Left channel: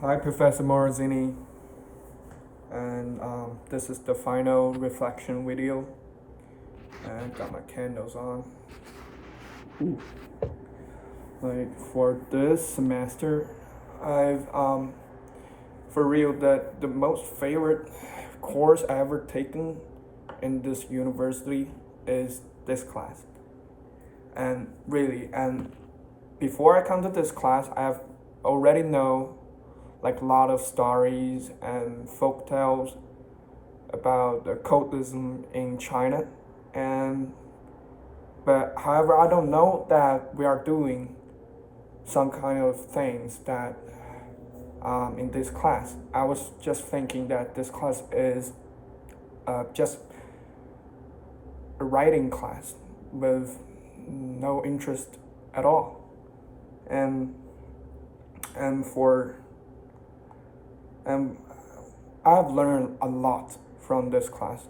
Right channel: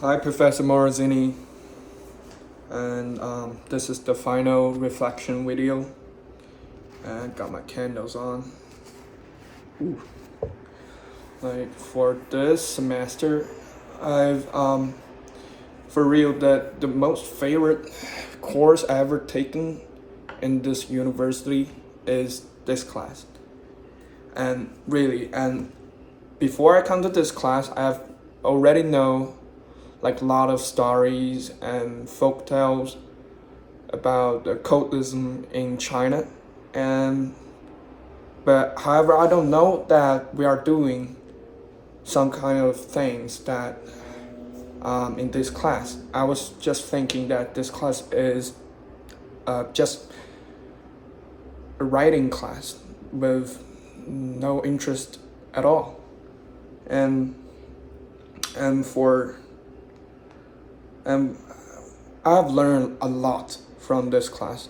Hi, Professor Morozini, and this is the final reflection video. And I got my candles on. Ooh. Like for this semester, I've for real the most favorite course I ever taken in this university is this class. And really, and before I come to this class, I've already know like a lot of stories and folk tales about the occultism in China, and but however I don't know that we are doing some kind of things that in this class. I was just thinking that this class is just a writing class with no interest at all, and and for and I've learned a lot from this class,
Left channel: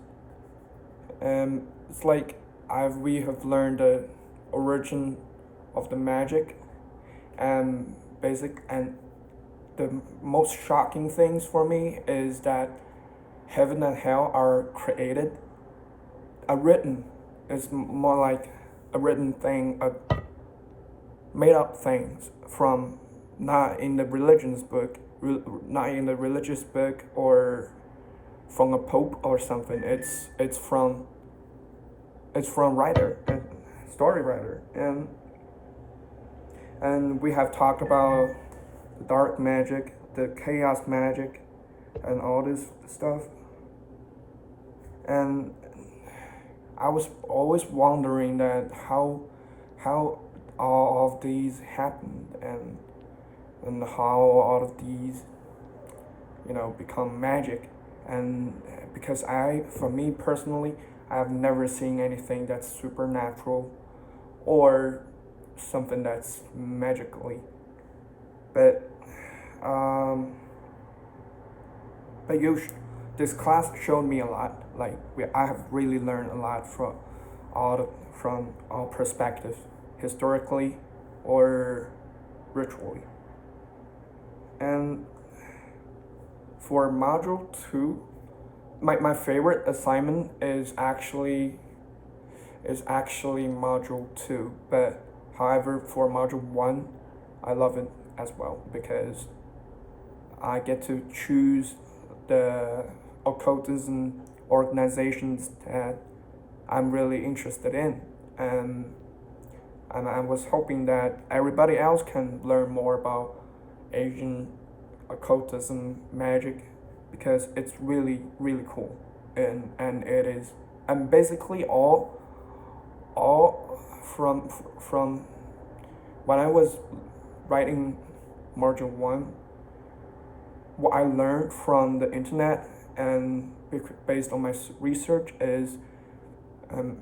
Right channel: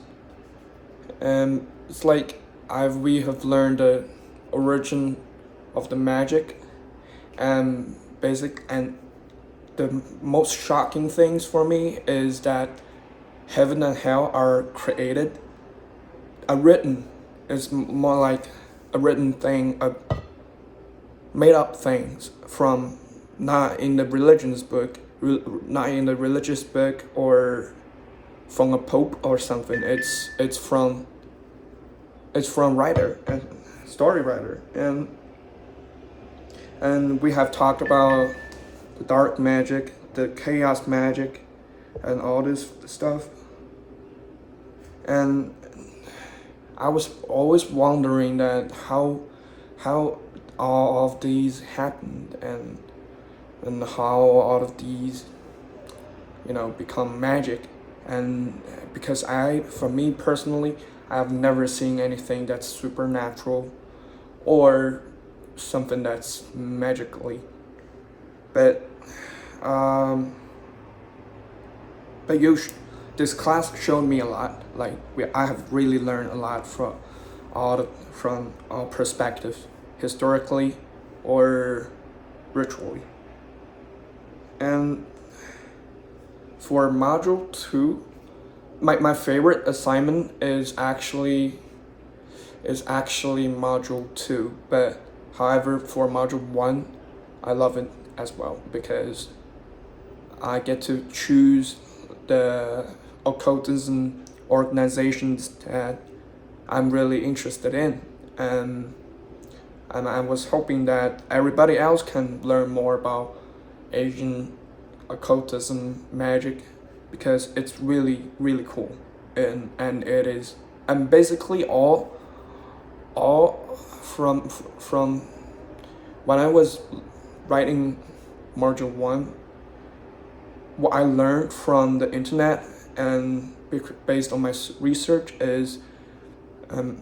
and it's like we have learned the origin of the magic and basic, and the most shocking things for me is that heaven and hell are created. A written is more like a written thing, a made up things from not in the religious book, not in the religious book or from a pope or something. It's from writer and story writer, and we have talked about the dark magic, the chaos magic, and all this stuff. And I was always wondering that how all of these happened, and how all of these become magic. And because for me personally, I've never seen anything that's supernatural or something that's magically, but but this class showed me a lot. Like I have really learned a lot from all perspectives, historically or ritually. And for module 2, my favorite assignment is actually module 2, but however for module 1 I love it as well because I get to choose the occultism organizations that I'm really interested in, and I was hoping that everybody else can learn more about Asian occultism magic because it's really cool, and it is, and basically all from when I was writing module 1, what I learned from the internet and based on my research is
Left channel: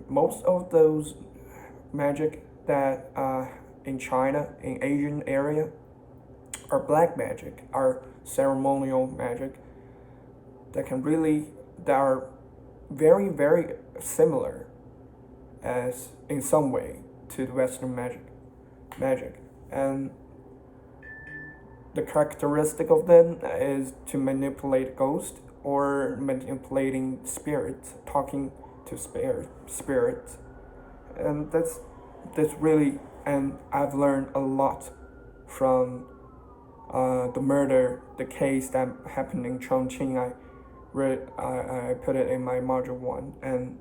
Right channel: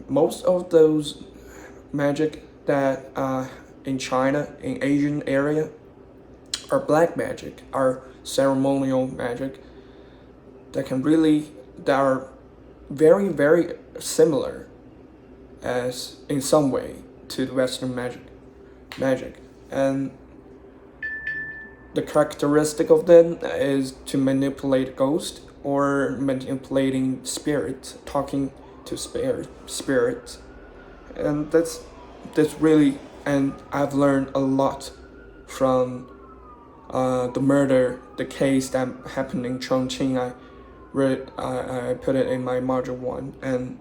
most of those magic that in China, in Asian area, are black magic, are ceremonial magic that are very similar as in some way to the Western magic, and the characteristic of them is to manipulate ghosts or manipulating spirits, talking to spirits, and that's really, and I've learned a lot from the case that happened in Chongqing. I put it in my module 1, and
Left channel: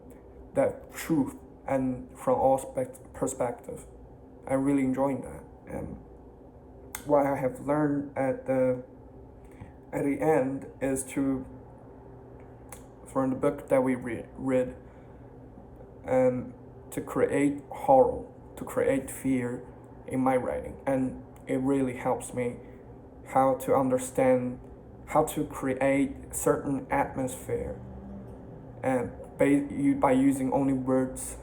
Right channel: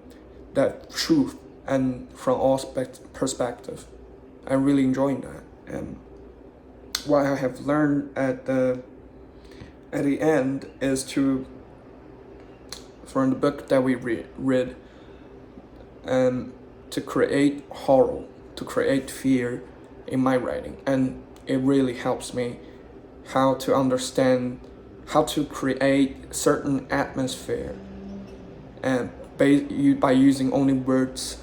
that truth, and from all perspectives, I'm really enjoying that. And what I have learned at the end is from the book that we read, and to create horror, to create fear in my writing, and it really helps me how to understand how to create certain atmosphere, and by using only words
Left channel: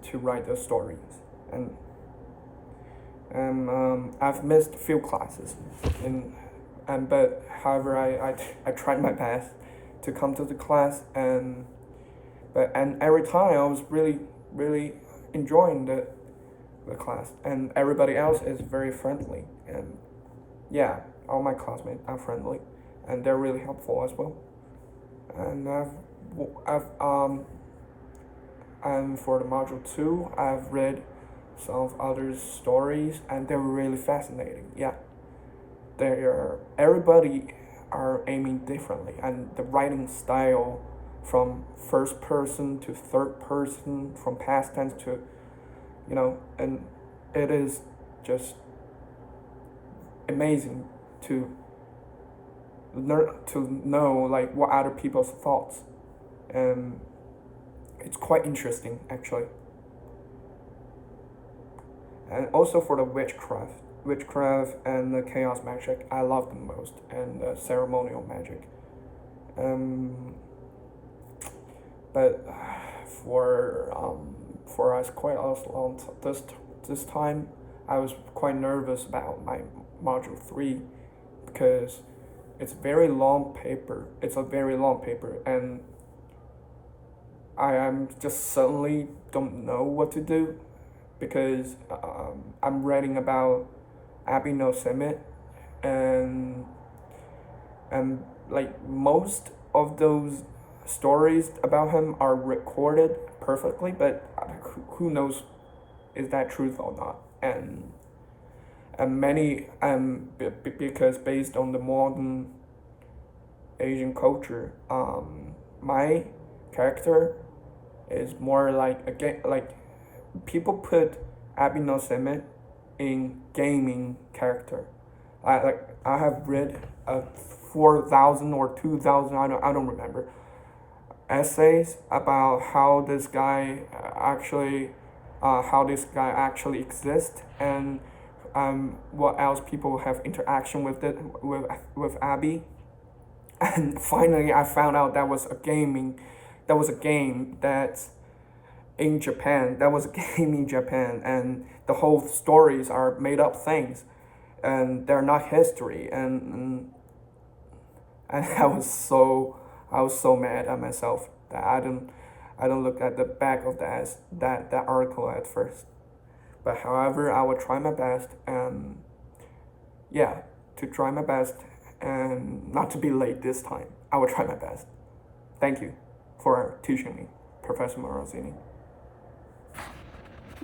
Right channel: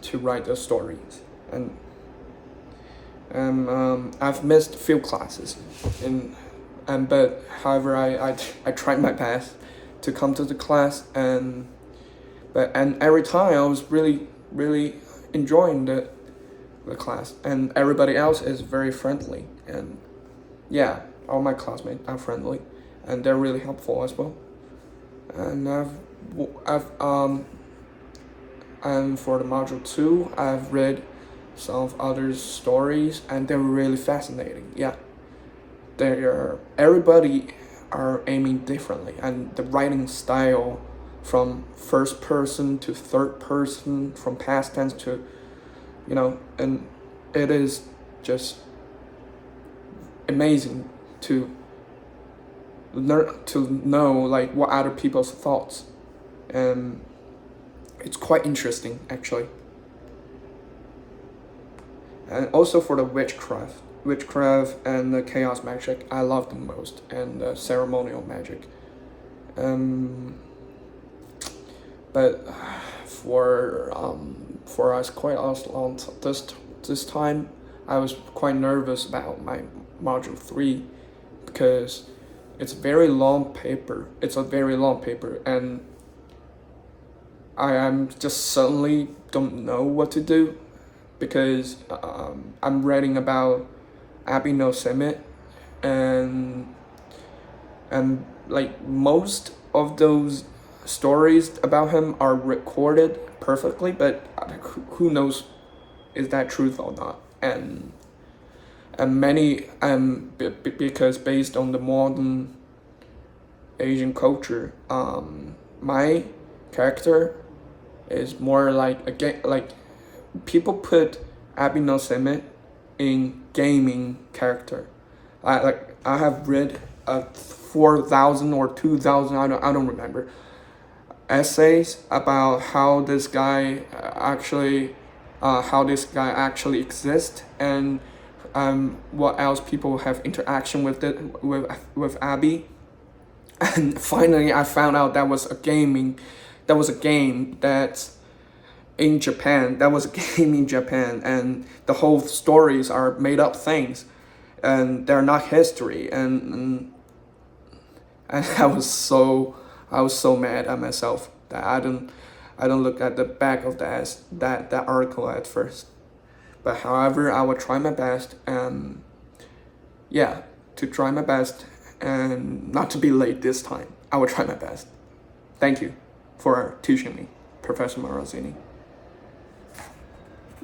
to write the stories. And I've missed a few classes, but however I tried my best to come to the class, and every time I was really enjoying the class, and everybody else is very friendly, and yeah, all my classmates are friendly, and they're really helpful as well. And and for the module 2, I've read some of others' stories, and they're really fascinating. Yeah, everybody are aiming differently, and the writing style from first person to third person, from past tense to, and it is just amazing to learn to know like what other people's thoughts, and it's quite interesting actually. And also for the witchcraft and the chaos magic, I love the most, and the ceremonial magic. But for us quite long this time, I was quite nervous about my module 3 because it's a very long paper. And I am just suddenly don't know what to do because I'm reading about Abbey No Summit, and like most of those stories about him are recorded perfectly, but who knows is that truth or not? And many because based on the modern Asian culture, my character is more like people put Abbey No Summit in gaming character. I have read 4,000 or 2,000, I don't remember, essays about how this guy actually exists, and what else people have interaction with Abby. And finally I found out that was a game that's in Japan. And the whole stories are made up things, and they're not history. And I was so mad at myself that I don't look at the back of that article at first. But however, I will try my best, and and not to be late this time. I will try my best. Thank you for teaching me, Professor Morosini.